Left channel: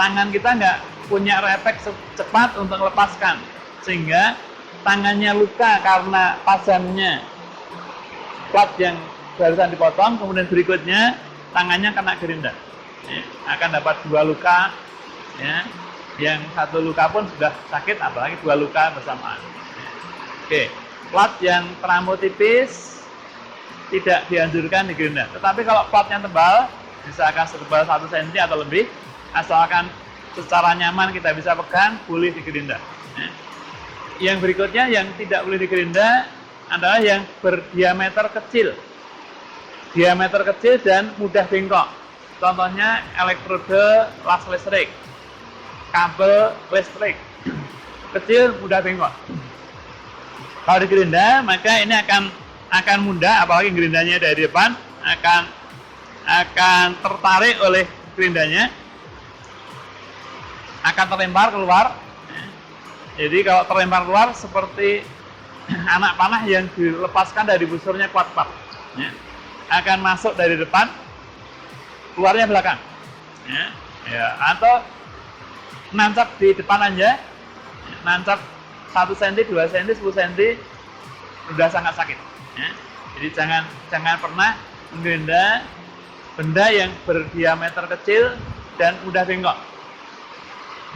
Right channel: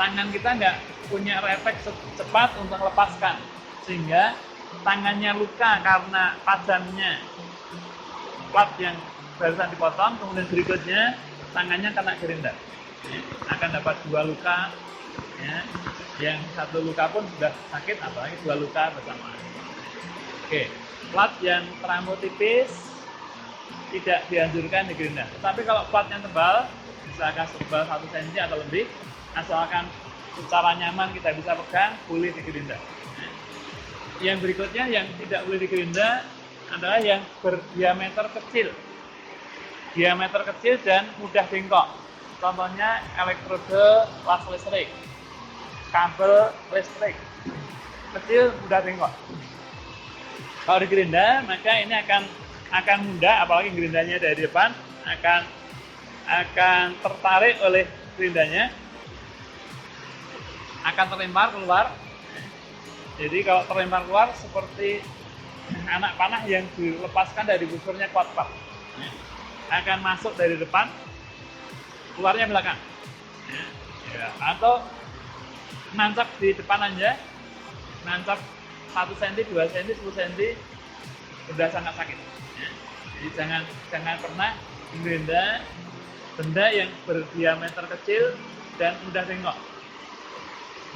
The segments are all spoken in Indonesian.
tangan kita nggak punya refleks cepat untuk melepaskan, sehingga tangannya luka karena tajamnya plat yang barusan dipotong, kemudian berikutnya tangannya kena gerinda. Akan dapat 2 luka, ya. Yang 1 luka pun sudah sakit, apalagi 2 luka bersamaan. Oke, plat yang terlampau tipis tidak dianjurkan digerinda. Tetapi kalau platnya tebal, misalkan setebal 1 cm atau lebih, asalkan secara nyaman kita bisa pegang, boleh digerinda. Yang berikutnya yang tidak boleh digerinda adalah yang berdiameter kecil. Diameter kecil dan mudah bengkok. Contohnya elektrode las listrik, kabel listrik, kecil mudah bengkok. Kalau digerinda, maka ini akan mudah, apalagi gerindanya dari depan, akan tertarik oleh gerindanya, akan terlempar keluar. Jadi kalau terlempar keluar seperti anak panah yang dilepaskan dari busurnya kuat-kuat, akan masuk dari depan, keluarnya belakang, atau nancap di depan aja, nancap 1 cm, 2 cm, 10 cm, sudah sangat sakit. Jadi jangan pernah menggerinda benda yang berdiameter kecil dan mudah bengkok.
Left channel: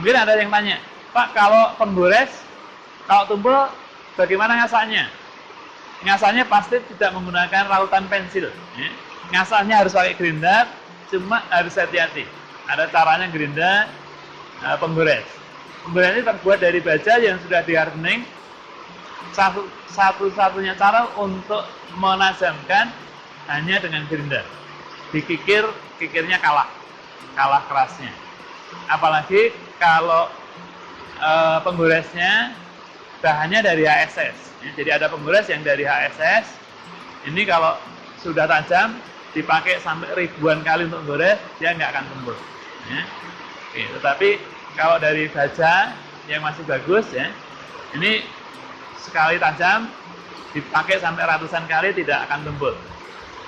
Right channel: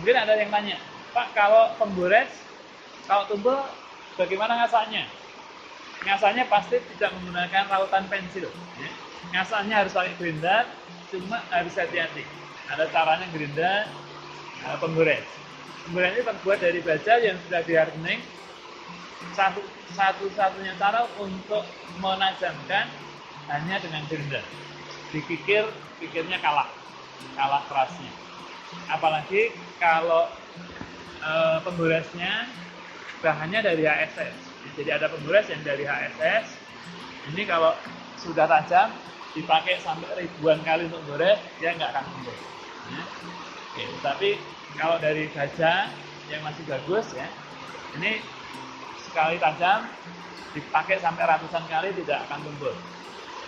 Mungkin ada yang tanya, Pak, kalau penggores, kalau tumpul, bagaimana ngasahnya? Ngasahnya pasti tidak menggunakan rautan pensil. Ngasahnya harus pakai gerinda, cuma harus hati-hati. Ada caranya gerinda penggores. Penggores ini terbuat dari baja yang sudah di-hardening. Satu-satunya cara untuk menajamkan hanya dengan gerinda. Dikikir, kikirnya kalah kerasnya. Apalagi kalau penggoresnya bahannya dari HSS. Jadi ada penggores yang dari HSS. Ini kalau sudah tajam, dipakai sampai ribuan kali untuk menggores, dia nggak akan tumpul. Tetapi kalau dari baja yang masih bagus, ini sekali tajam dipakai sampai ratusan kali tidak akan tumpul.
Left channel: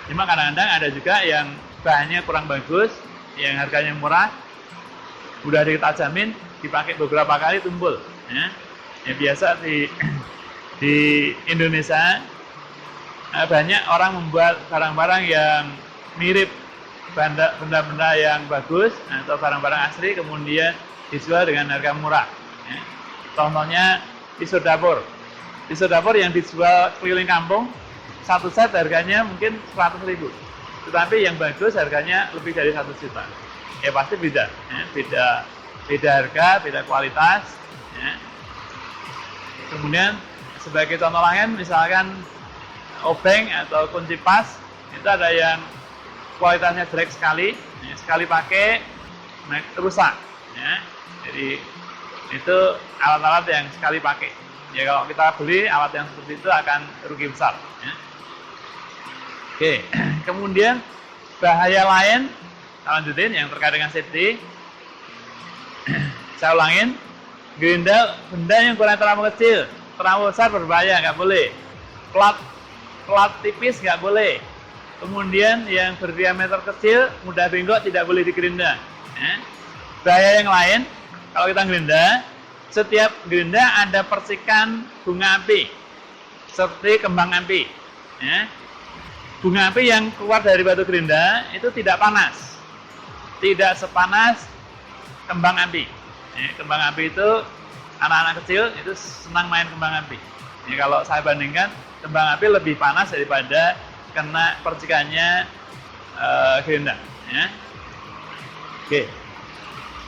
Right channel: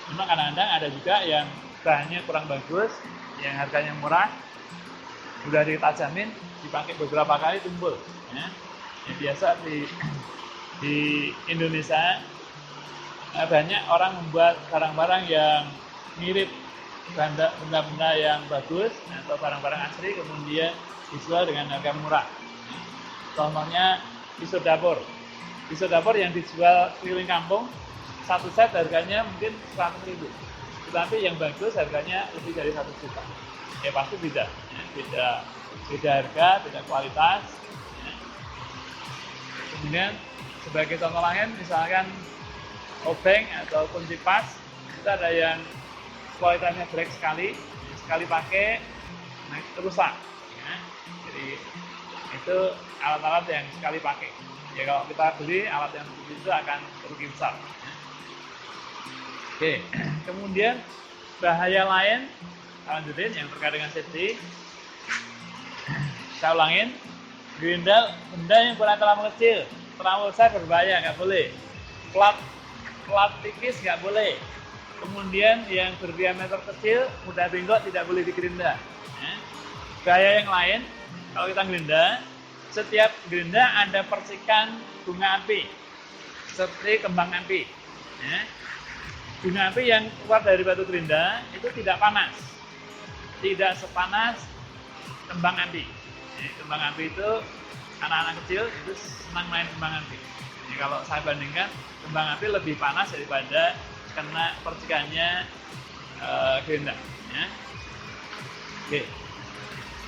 Cuma kadang-kadang ada juga yang bahannya kurang bagus, yang harganya murah, udah ditajamin, dipakai beberapa kali tumpul. Biasa di Indonesia banyak orang membuat barang-barang yang mirip benda-benda yang bagus atau barang-barang asli, kemudian dijual dengan harga murah. Contohnya pisau dapur yang dijual keliling kampung, 1 set harganya mungkin 100.000, tetapi yang bagus harganya lebih dari 1 juta. Pasti beda harga, beda kualitas. Kemudian sebagai contoh lain, misalkan obeng atau kunci pas, itu ada yang kualitasnya jelek sekali pakai rusak. Jadi itu alat-alat yang sekali pakai. Kalau kita beli alat yang seperti itu akan rugi besar. Oke, kemudian bahaya lain, lanjutin yang terkait dengan safety. Saya ulangin, gerinda benda yang kurang terlalu kecil, terlalu besar berbahaya, nggak boleh. Plat tipis nggak boleh. Kemudian yang berdiameter kecil, mudah bengkok, tidak boleh digerinda. Bahaya yang lain, kalau kita gerinda, setiap gerinda ada percikan bunga api, seperti kembang api. Bunga api yang keluar dari batu gerinda itu tidak panas, tidak sepanas kembang api. Kembang api itu anak-anak kecil itu senang main kembang api. Kalau saya bandingkan, kembang api lebih panas daripada kena percikannya gerinda. Oke.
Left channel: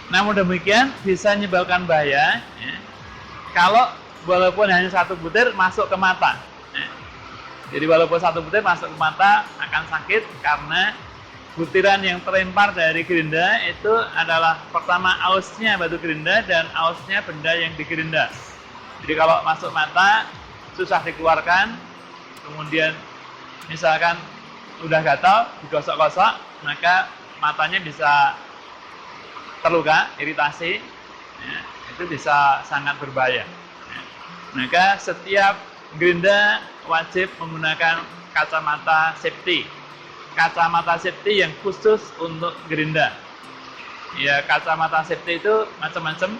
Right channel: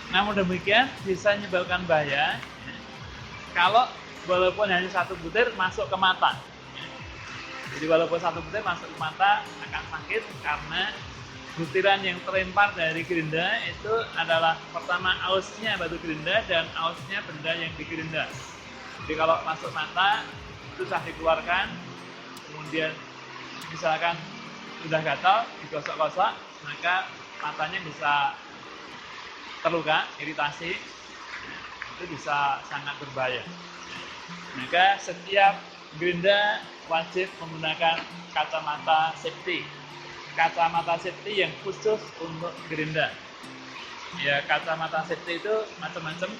Namun demikian bisa menyebabkan bahaya kalau walaupun hanya 1 butir masuk ke mata. Jadi walaupun 1 butir masuk ke mata akan sakit karena butiran yang terlempar dari gerinda itu adalah pertama ausnya batu gerinda dan ausnya benda yang digerinda. Jadi kalau masuk mata susah dikeluarkan, kemudian misalkan udah gatal, digosok-gosok, maka matanya bisa terluka, iritasi, itu bisa sangat berbahaya. Maka setiap gerinda wajib menggunakan kacamata safety yang khusus untuk gerinda. Ya, kacamata safety itu macam-macam.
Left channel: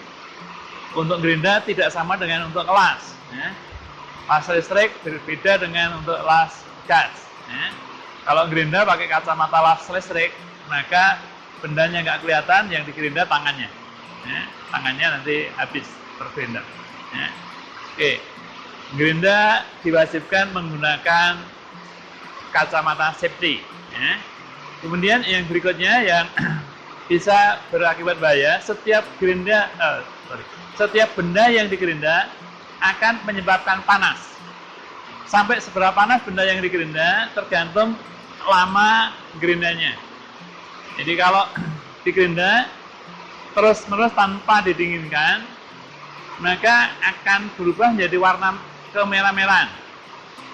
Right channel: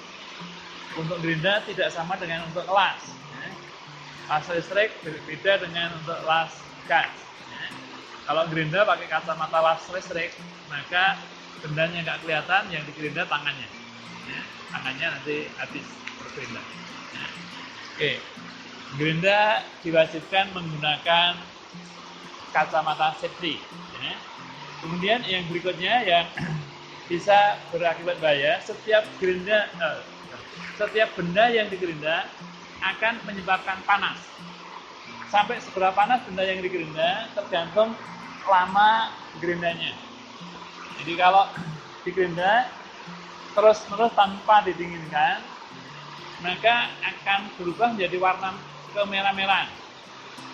Untuk gerinda tidak sama dengan untuk las. Ya. Las listrik berbeda dengan untuk las gas. Ya. Kalau gerinda pakai kacamata las listrik, maka bendanya nggak kelihatan, yang digerinda tangannya. Ya. Tangannya nanti habis tergerinda. Ya. Oke, gerinda diwajibkan menggunakan kacamata safety. Ya. Kemudian yang berikutnya yang bisa berakibat bahaya, setiap benda yang digerinda akan menyebabkan panas. Sampai seberapa panas benda yang digerinda tergantung lama gerindanya. Jadi kalau digerinda terus-menerus tanpa didinginkan, maka akan berubah menjadi warna kemerah-merahan.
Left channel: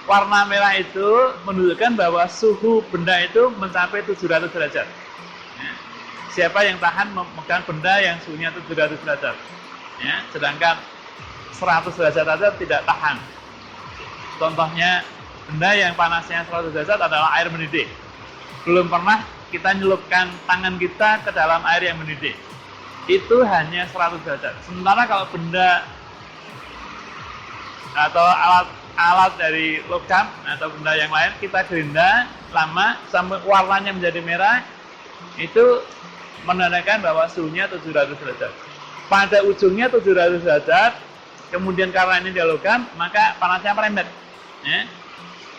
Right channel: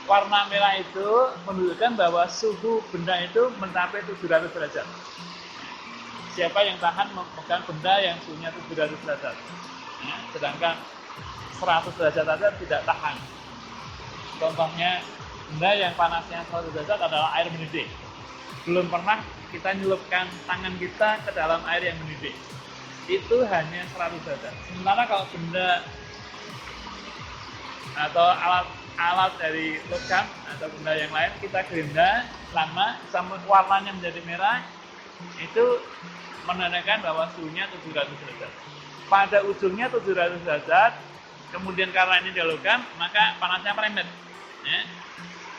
Warna merah itu menunjukkan bahwa suhu benda itu mencapai 700 derajat. Siapa yang tahan memegang benda yang suhunya 700 derajat? Ya, sedangkan 100 derajat saja tidak tahan. Contohnya, benda yang panasnya 100 derajat adalah air mendidih. Belum pernah kita nyelupkan tangan kita ke dalam air yang mendidih. Itu hanya 100 derajat. Sementara kalau benda atau alat dari logam atau benda yang lain kita gerinda lama sampai warnanya menjadi merah, itu menandakan bahwa suhunya 700 derajat. Pada ujungnya 700 derajat, kemudian karena ini dia logam, maka panasnya merembet. Ya.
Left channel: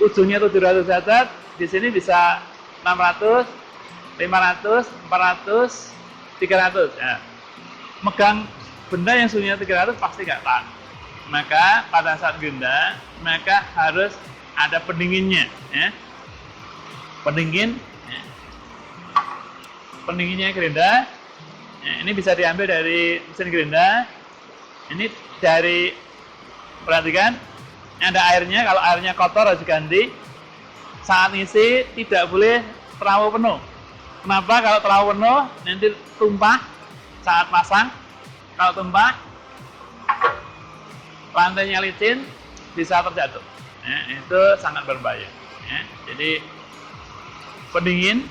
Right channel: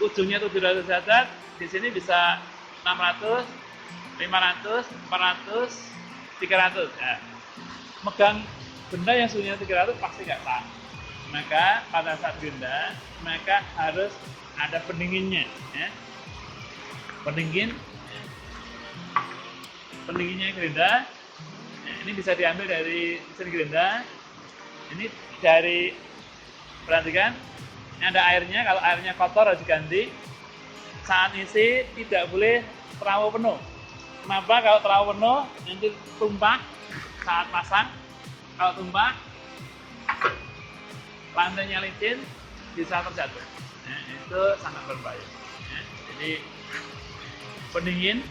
Ujungnya 700 derajat, di sini bisa 600, 500, 400, 300. Ya. Megang benda yang suhunya 300 pasti nggak tahan. Maka pada saat gerinda, maka harus ada pendinginnya. Ya. Pendingin, ya. Pendinginnya gerinda. Ya, ini bisa diambil dari mesin gerinda. Ini dari, perhatikan, ada airnya. Kalau airnya kotor harus diganti. Saat isi tidak boleh terlalu penuh. Kenapa? Kalau terlalu penuh nanti tumpah saat pasang. Kalau tumpah, lantainya licin, bisa terjatuh. Ya, itu sangat berbahaya. Ya, jadi pendingin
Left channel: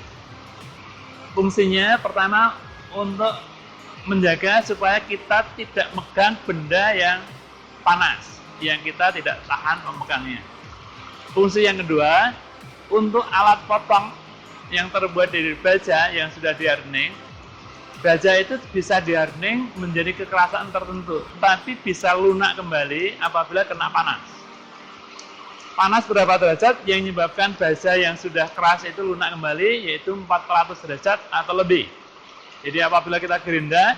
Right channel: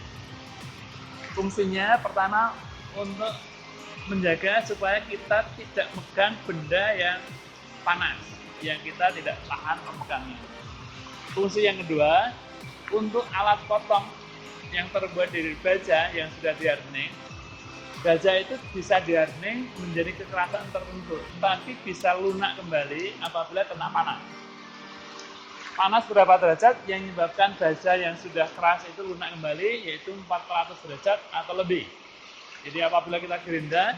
fungsinya pertama untuk menjaga supaya kita tidak megang benda yang panas, yang kita tidak tahan memegangnya. Fungsi yang kedua, untuk alat potong yang terbuat dari baja yang sudah di-hardening. Baja itu bisa di-hardening menjadi kekerasan tertentu, tapi bisa lunak kembali apabila kena panas. Panas berapa derajat yang menyebabkan baja yang sudah keras itu lunak kembali, yaitu 400 derajat atau lebih. Jadi apabila kita gerinda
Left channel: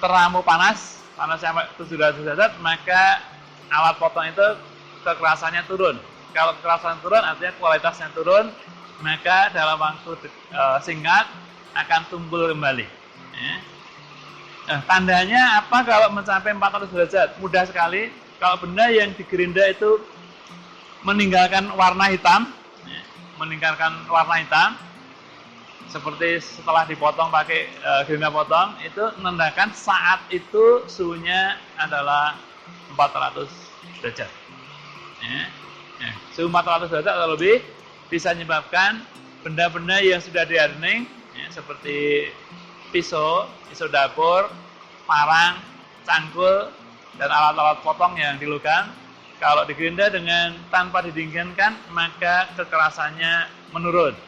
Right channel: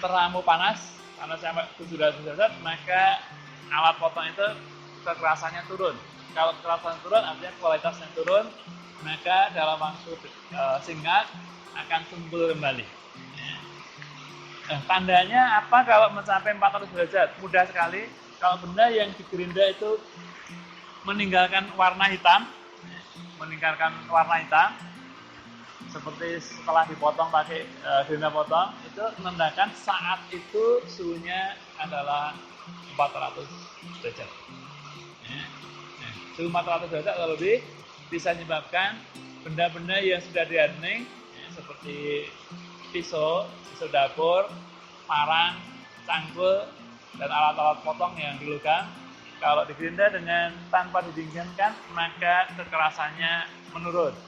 terlalu panas sampai 700 derajat, maka alat potong itu kekerasannya turun. Kalau kekerasan turun artinya kualitasnya turun, maka dalam waktu singkat akan tumpul kembali. Ya. Nah, tandanya apa kalau mencapai 400 derajat? Mudah sekali. Kalau benda yang digerinda itu meninggalkan warna hitam, ya, meninggalkan warna hitam, seperti setelah dipotong pakai gerinda potong, itu menandakan saat itu suhunya adalah 400 derajat. Ya. Ya. Suhu 400 derajat atau lebih bisa menyebabkan benda-benda yang sudah di-hardening, ya, seperti pisau dapur, parang, cangkul, dan alat-alat potong yang dilogam, kalau digerinda dengan tanpa didinginkan, maka kekerasannya menurun.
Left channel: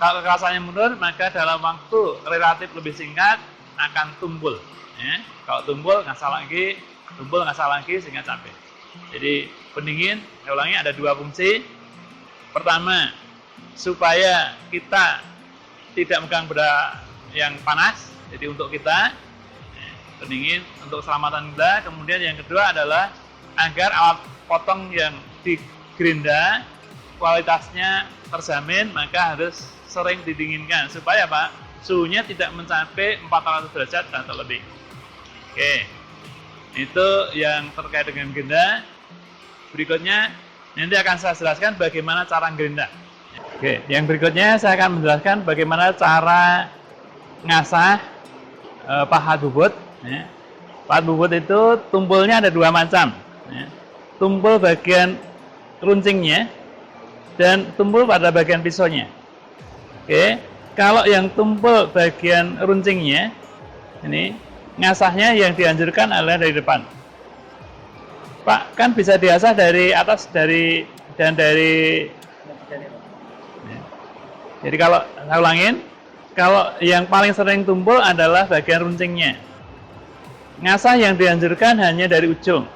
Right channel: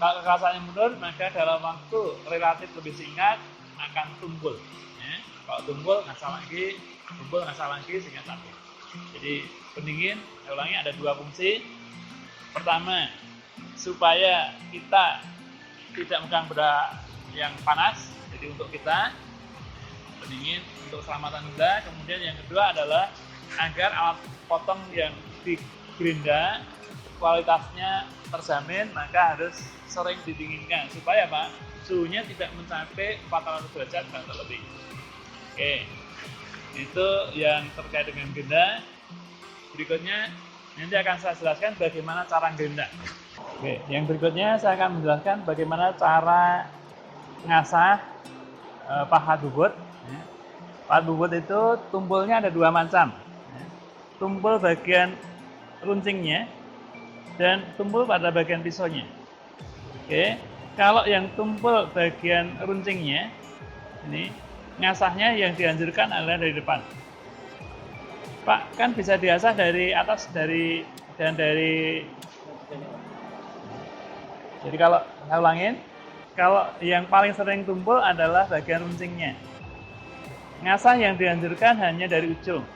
Kalau kekerasannya menurun, maka dalam waktu relatif lebih singkat akan tumpul. Ya. Kalau tumpul ngasah lagi sehingga capek. Jadi pendingin, saya ulangi, ada dua fungsi. Pertama, supaya kita tidak megang benda yang panas, jadi untuk kita pendingin untuk keselamatan kita. Kemudian yang kedua adalah agar alat potong yang digerinda kualitasnya terjamin, maka harus sering didinginkan supaya apa? Suhunya tidak mencapai 400 derajat atau lebih. Oke, itu yang terkait dengan gerinda. Berikutnya nanti akan saya jelaskan bagaimana cara gerinda. Oke, yang berikutnya saya akan menjelaskan bagaimana cara ngasah pahat bubut. Ya. Pahat bubut itu tumpulnya ada dua macam. Ya. Tumpul bagian runcingnya dan tumpul pada bagian pisaunya. Oke, Kalau yang tumpul bagian runcingnya, ini ngasahnya yang dianjurkan adalah dari depan. Pak, kan bisa diasah dari atas dari jadi kalau saya ulangin, kalau yang paling sering tumpul adalah bagian runcingnya. Ngasah yang dianjurkan hanya dari ujung.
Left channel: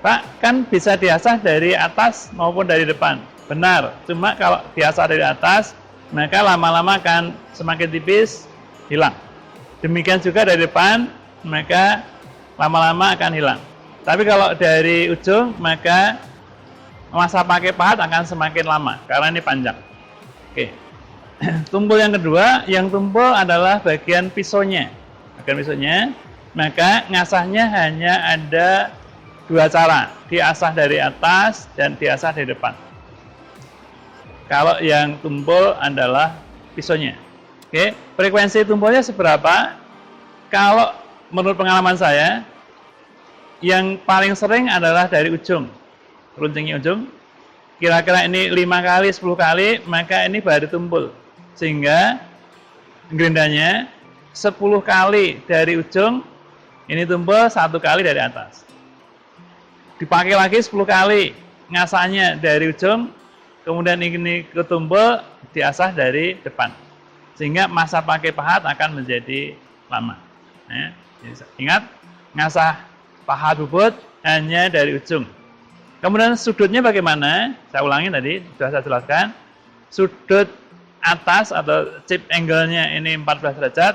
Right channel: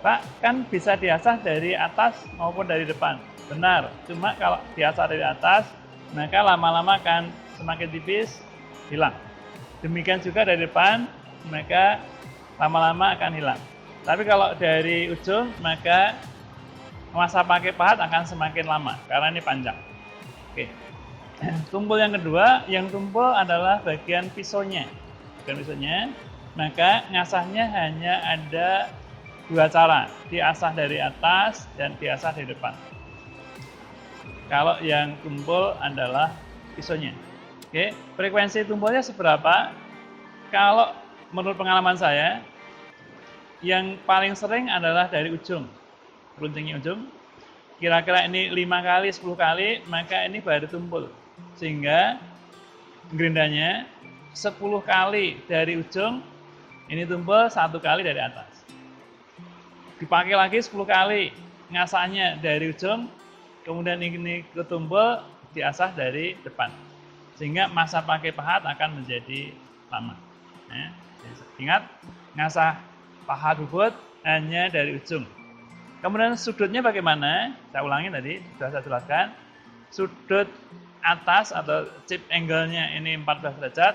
Pak, kan bisa diasah dari atas maupun dari depan. Benar, cuma kalau diasah dari atas, maka lama-lama akan semakin tipis, hilang. Demikian juga dari depan, maka lama-lama akan hilang. Tapi kalau dari ujung, maka masa pakai pahat akan semakin lama, karena ini panjang. Oke. Tumpul yang kedua, yang tumpul adalah bagian pisaunya. Bagian pisaunya, maka ngasahnya hanya ada dua cara, diasah dari atas dan diasah dari depan. Kalau yang tumpul adalah pisaunya. Oke, frekuensi tumpulnya seberapa? Kalau menurut pengalaman saya, yang paling sering adalah dari ujung, runcingnya ujung. Kira-kira ini 5 kali, 10 kali, maka ini baru tumpul. Sehingga gerindanya 10 kali dari ujung, ini tumpul 1 kali dari atas. Dipakai lagi 10 kali, ngasahnya dari ujung, kemudian ini ketumpul, diasah dari depan. Sehingga masa pakai pahat akan menjadi lama. Ingat, ngasah pahat bubut hanya dari ujung. Kemudian sudutnya bagaimana? Saya ulangi tadi, sudah saya jelaskan. Sudut atas atau chip angle-nya ini 14 derajat,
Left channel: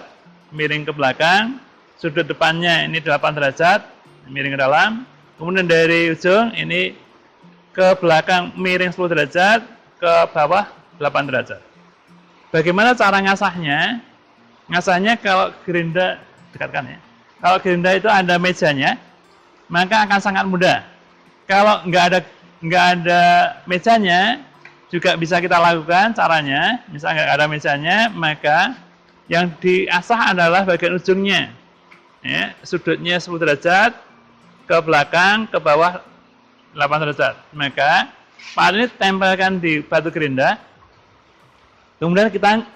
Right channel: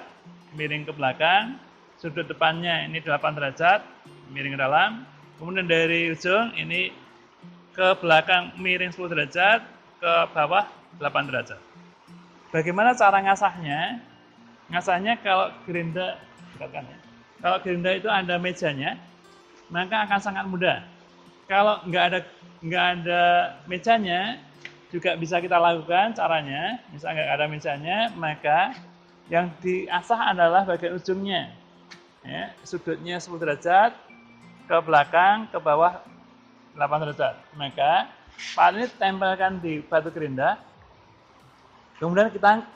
miring ke belakang. Sudut depannya ini 8 derajat, miring ke dalam. Kemudian dari ujung ini ke belakang miring 10 derajat, ke bawah 8 derajat. Bagaimana cara ngasahnya? Ngasahnya kalau gerinda, dekatkan ya. Kalau gerinda itu ada mejanya, maka akan sangat mudah. Kalau nggak ada mejanya, juga bisa kita lakukan caranya. Misalnya nggak ada mejanya, maka yang diasah adalah bagian ujungnya. Ya, sudutnya 10 derajat, ke belakang, ke bawah 8 derajat. Maka pahat ini tempelkan di batu gerinda. Kemudian kita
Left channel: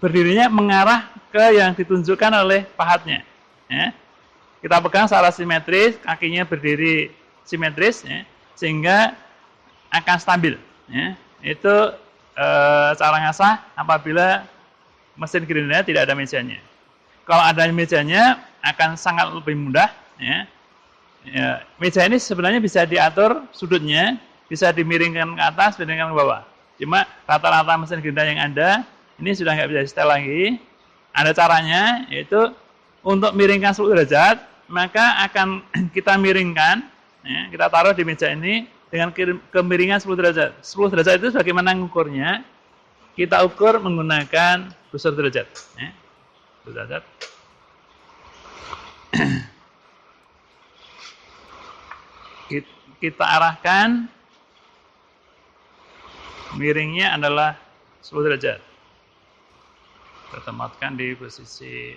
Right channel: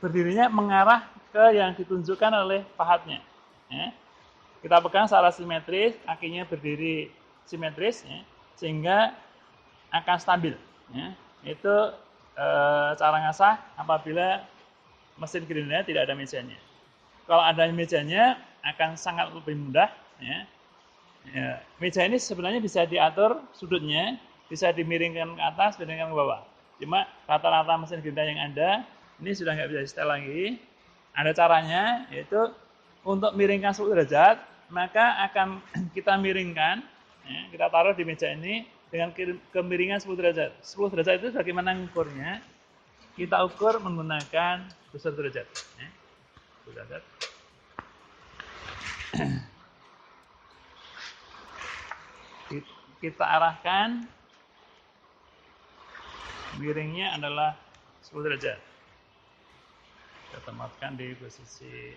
berdirinya mengarah ke yang ditunjukkan oleh pahatnya. Ya. Kita pegang secara simetris, kakinya berdiri simetris, ya, sehingga akan stabil. Ya. Itu cara ngasah apabila mesin gerinda tidak ada mejanya. Kalau ada mejanya akan sangat lebih mudah. Ya. Ya, meja ini sebenarnya bisa diatur sudutnya, bisa dimiringkan ke atas, dimiringkan ke bawah. Cuma rata-rata mesin gerinda yang ada ini sudah nggak bisa di-setel lagi. Ada caranya, yaitu untuk miringkan 10 derajat, maka akan kita miringkan, ya, kita taruh di meja ini dengan kemiringan 10 derajat. 10 derajat itu bagaimana mengukurnya? Kita ukur menggunakan busur derajat. Ya. Busur derajat. Kita arahkan, miringnya adalah 10 derajat. Kita tempatkan di posisi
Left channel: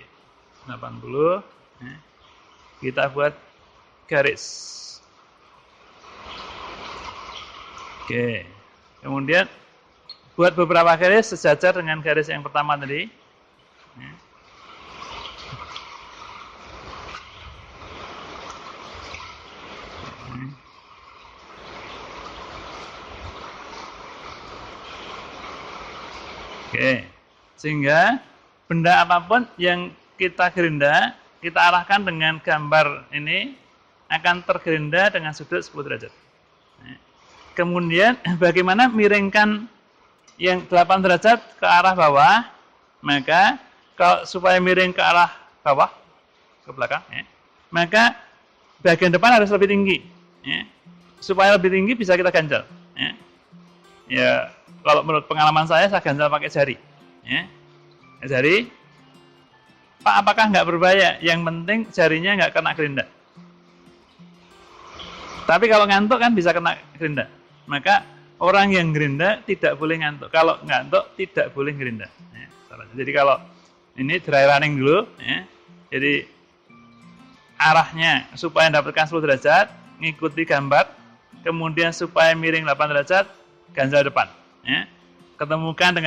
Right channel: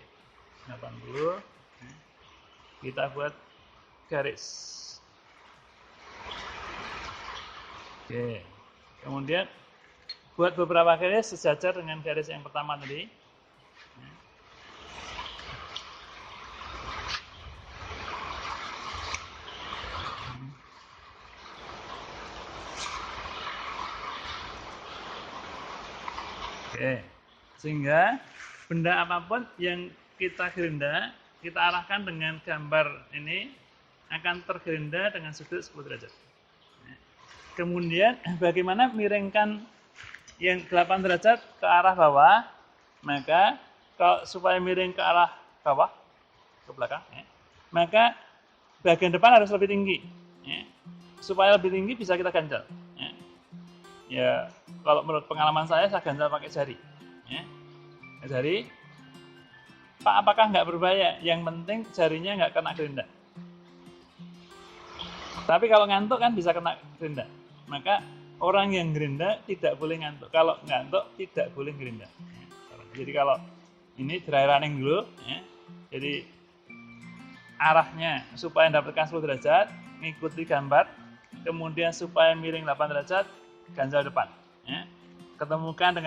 80. Ya. Kita buat garis. Oke. Kemudian buat beberapa garis sejajar dengan garis yang pertama tadi. Ya. Oke. Sehingga benda apapun yang kita gerinda, kita arahkan dengan gambar ini akan tergerinda dengan sudut 10 derajat. Kemudian bagaimana miringkan yang 8 derajat ke arah bawah? Maka kalau supaya miring ke arah bawah, ke belakang, ya, maka bagian depan harus lebih tinggi. Ya. Supaya lebih tinggi bisa kita ganjal. Ya. Ya, kalau menurut pengalaman saya ganjal pakai jari. Ya. Jari, Pak, apakah nggak berbahaya? Yang penting jarinya nggak kena gerinda. Tapi kalau ngantuk kan bisa kena gerinda. Maka orang yang gerinda tidak boleh ngantuk. Kalau ngantuk tidak boleh gerinda. Ya, jadi kalau ini dry running dulu, ya, jadi arahnya supaya mendapatkan 10 derajat, ngikuti gambar, kemudian supaya miring 8 derajat, ganjal depan. Ya. Ketemukan dengan